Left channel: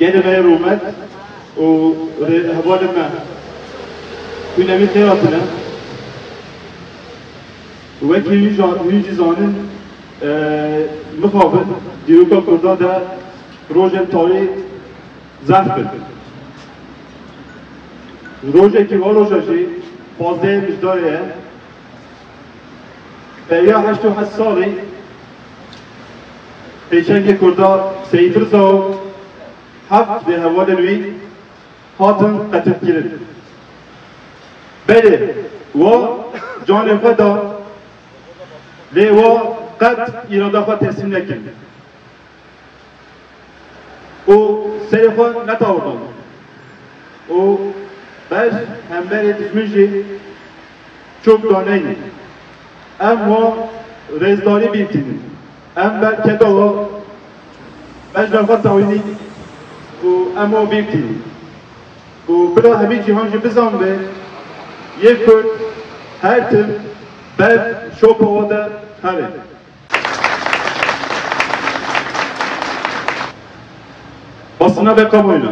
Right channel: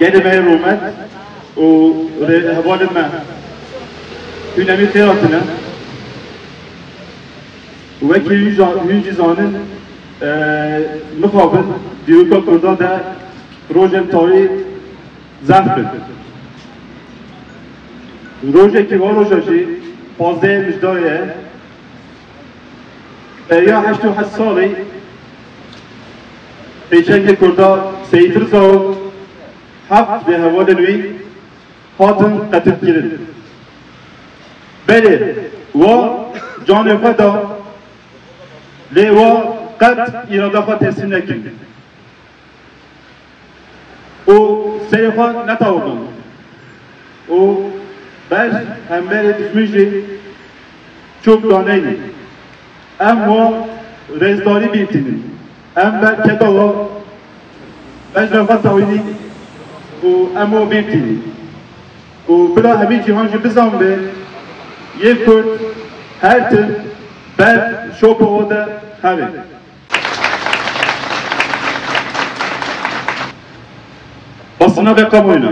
gelime rumet o havalime ünemi xeyratını ve ki yüzanın mukabın diyoka kurda da rojem tarihi zahfır. Roje ki var rojaji fazla müjdariye Beriya 88 salı Peşengi kurda Seyit Rıza Haft ve Havalenvi Hatın katıp girin. Beli ve can-ı feda ve kat iradafa teslimlekin. O seyfa ne tavırdan? O beş hemberi düşmüşü çok daneydi. Ama rezdari biltinin. Ember kedala beş nefat tavini o ama biltini. O bila hemi cihancı bizan ve yekut her tüm ben şopa oda herin. Basına ve kamuoyuna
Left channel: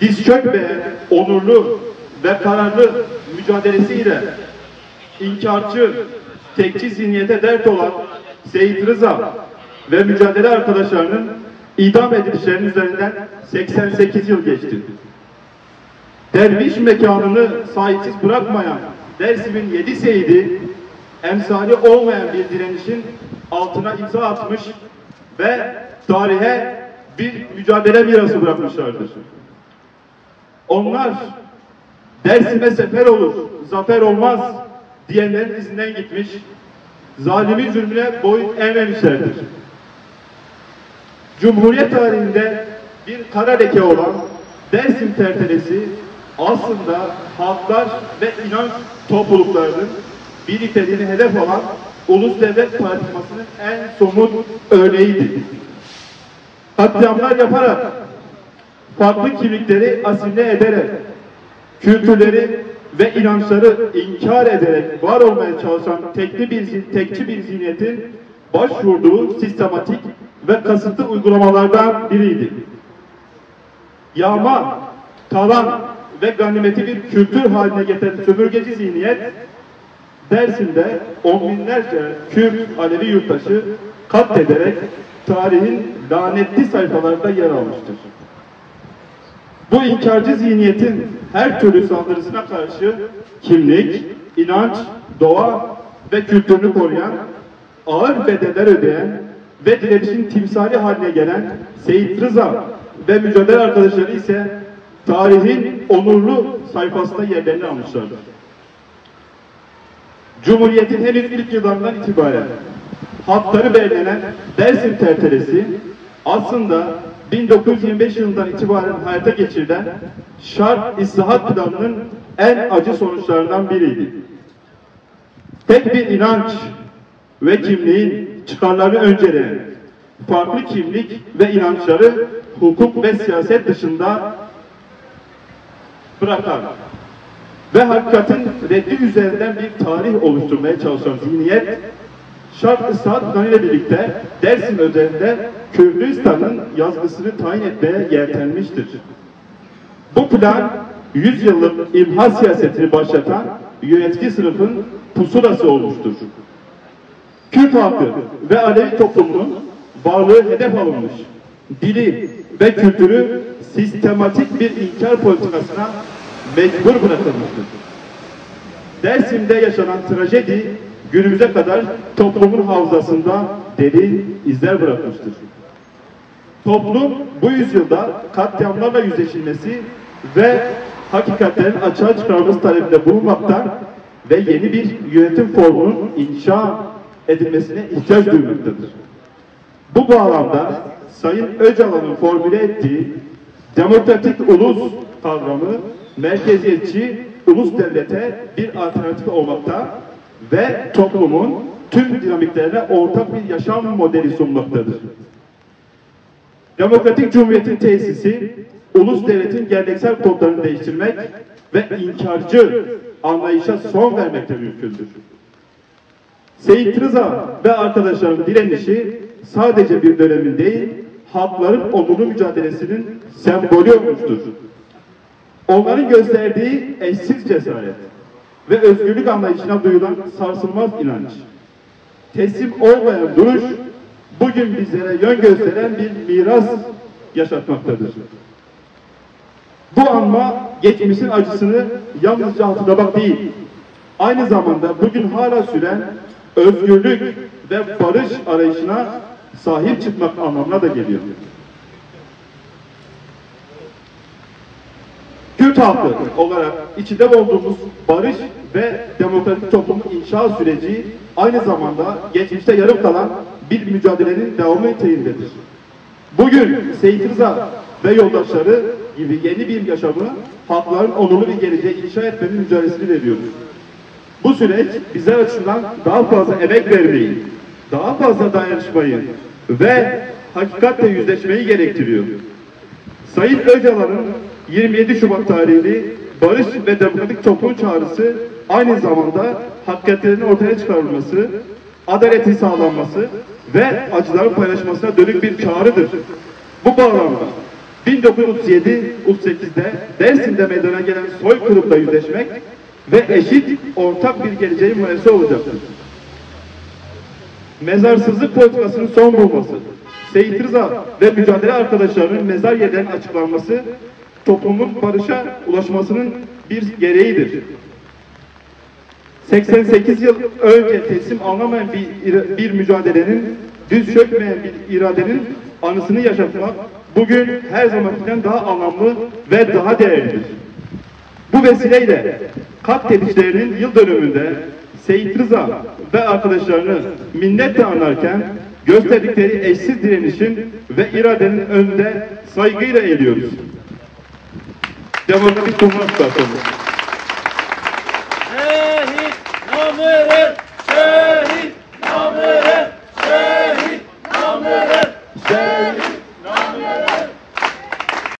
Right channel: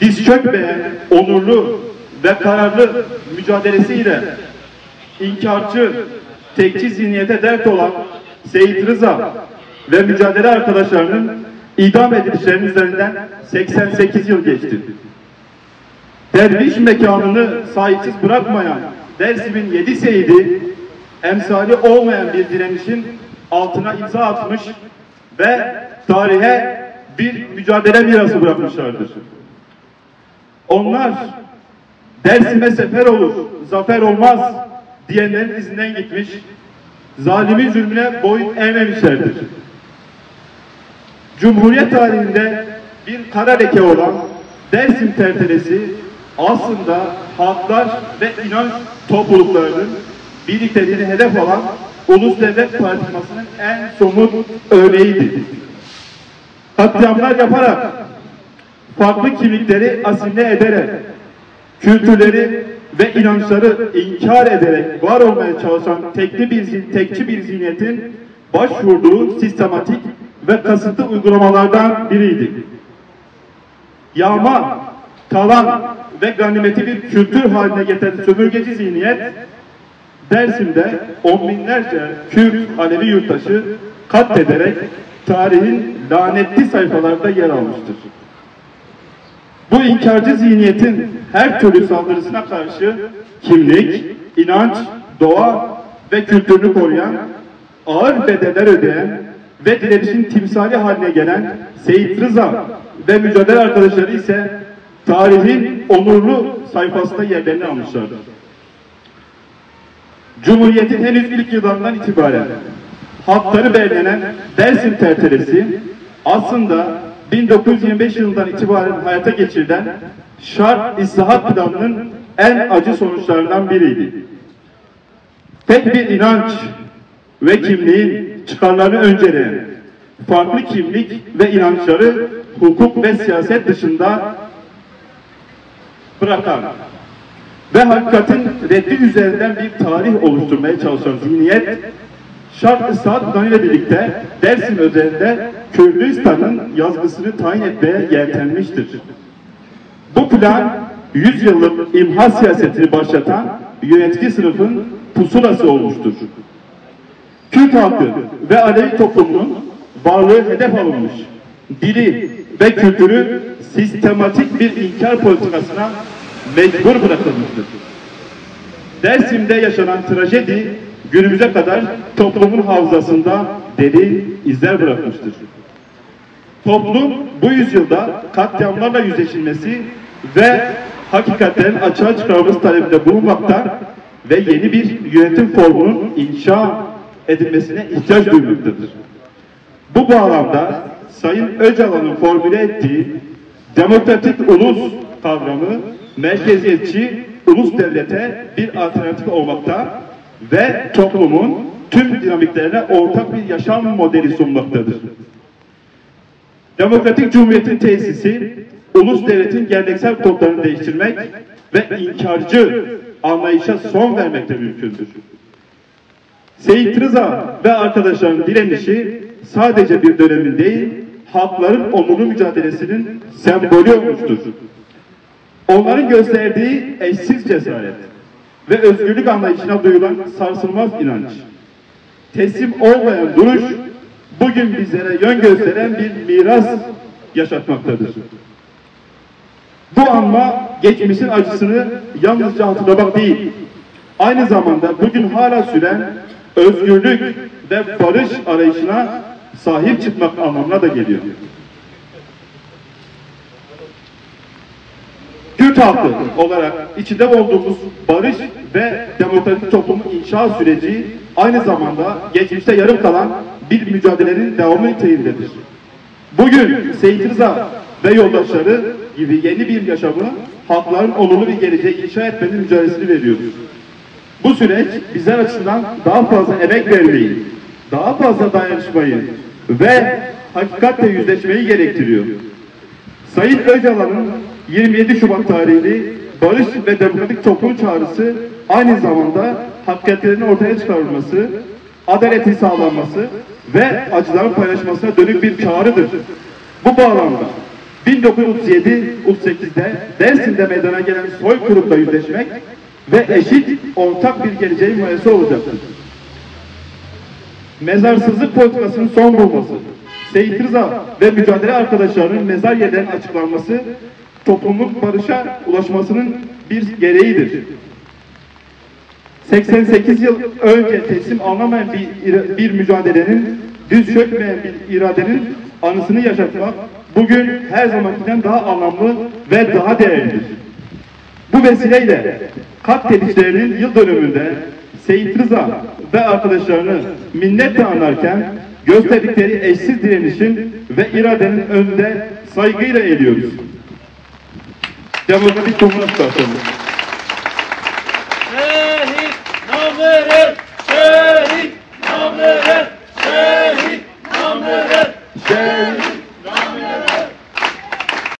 diz çökmeyen onurlu ve kararlı mücadelesiyle inkarcı, tekçi zihniyete dert olan Seyit Rıza ve mücadele arkadaşlarının idam edilişlerinin üzerinden 88 yıl geçti. Derviş mekanını sahipsiz bırakmayan Dersim'in 7 seyidi, emsali olmayan bir direnişin altına imza atmış ve tarihe bir mücadele mirası bırakmışlardır. Onlar Dersim'e sefer olur, zafer olmaz diyenlerin izinden gitmiş, zalimin zulmüne boyun eğmemişlerdir. Cumhuriyet tarihinde bir kara leke olan Dersim tertelesi aslında halklar ve inanç topluluklarının birlikteliğini hedef alan ulus devlet tartışmasının en somut örneğidir. Katliamlar yaparak, farklı kimlikleri asimile ederek, kültürleri ve inançları inkar ederek var olmaya çalışan tekçi bir zihniyetin başvurduğu sistematik ve kasıtlı uygulamalardan biriydi. Yağma, talan ve ganimeti bir kültür haline getiren sömürgeci zihniyet, Dersim'de on binlerce Kürt Alevi yurttaşı katlederek tarihin lanetli sayfalarda yer almıştır. Bu inkarcı zihniyetin her türlü saldırısına karşı kimlik, inanç, doğa ve kültürünü koruyan, ağır bedeller ödeyen ve direnişin timsali haline gelen Seyit Rıza ve mücadele arkadaşları ise tarihin onurlu sayfasında yerlerini almışlardır. Cumhuriyetin henüz ilk yıllarından itibaren hakları belirlenen Dersim tertelesi aslında 1925 yılından itibaren hayata geçirilen şart islahat planının en acı sonuçlarından biriydi. Tek bir inanç ve kimliğin çıkarlarını önceleyen, farklı kimlik ve inançları hukuk ve siyaset dışında bırakan ve hakikatin reddi üzerinden bir tarih oluşturmaya çalışan zihniyet, şart ıslahat planıyla birlikte Dersim özelinde Kürdistan'ın yazgısını tayin etmeye yeltenmiştir. Bu plan 100 yıllık imha siyasetini başlatan yönetici sınıfın pusulası olmuştur. Kürt halkı ve Alevi toplumunun varlığı hedef alınmış, dili ve kültürü sistematik bir inkar politikasına mecbur bırakılmıştır. Dersim'de yaşanan trajedi günümüze kadar toplumun hafızasında derin izler bırakmıştır. Toplum bu yüzyılda katliamlarla yüzleşilmesi ve hakikatlerin açığa çıkarılması talebinde bulunmakta ve yeni bir yönetim formunun inşa edilmesine ihtiyaç duymaktadır. Bu bağlamda Sayın Öcalan'ın formüle ettiği demokratik ulus kavramı merkeziyetçi ulus devlete bir alternatif olmakta ve toplumun tüm dinamiklerine ortak bir yaşam modeli sunmaktadır. Demokratik Cumhuriyet'in tesisi, ulus devletin geleneksel kodlarını değiştirmek ve inkarcı anlayışa son vermekte mümkündür. Seyit Rıza ve arkadaşlarının direnişi sadece bir dönemin değil, halkların onurlu mücadelesinin sembolü olmuştur. Onların gösterdiği eşsiz cesaret ve özgürlük anlayışına duyulan sarsılmaz inanç, teslim olmayan duruş, bugün bizlere yön gösteren bir miras yaşatmaktadır. Bu anma geçmişin acısını yalnızca hatırlamak değil, aynı zamanda bugün hala süren özgürlük ve barış arayışına sahip çıkmak anlamına da geliyor. Kürt halkı olarak içinde olduğumuz barış ve demokratik toplumun inşa süreci aynı zamanda geçmişte yarım kalan bir mücadelenin devamı niteliğindedir. Bugün Seyit Rıza ve yoldaşları gibi yeni bir yaşamı, halkların onurlu bir geleceği inşa etmenin mücadelesini veriyoruz. Bu süreç bizler açısından daha fazla emek vermeyi, daha fazla dayanışmayı ve hakikatle yüzleşmeyi gerektiriyor. Sayın Öcalan'ın 27 Şubat tarihli barış ve demokratik toplum çağrısı aynı zamanda hakikatlerin ortaya çıkarılması, adaletin sağlanması ve acıların paylaşmasına dönük bir çağrıdır. Bu bağlamda 1937-38'de Dersim'de meydana gelen soykırımla yüzleşmek ve eşit ortak bir geleceğin müessesi olacaktır. Mezarsızlık politikasının son bulması, Seyit Rıza ve mücadele arkadaşlarının mezar yerlerinin açıklanması, toplumun barışa ulaşmasının bir gereğidir. 88 yıl önce teslim alınamayan bir mücadelenin, düz çökmeyen bir iradenin anısını yaşatmak bugün her zamankinden daha anlamlı ve daha değerlidir. Bu vesileyle katledişlerinin yıl dönümünde Seyit Rıza ve arkadaşlarını minnetle anarken gösterdikleri eşsiz direnişin ve iradenin önünde saygıyla eğiliyoruz. Demokratik Cumhuriyet Başkanı.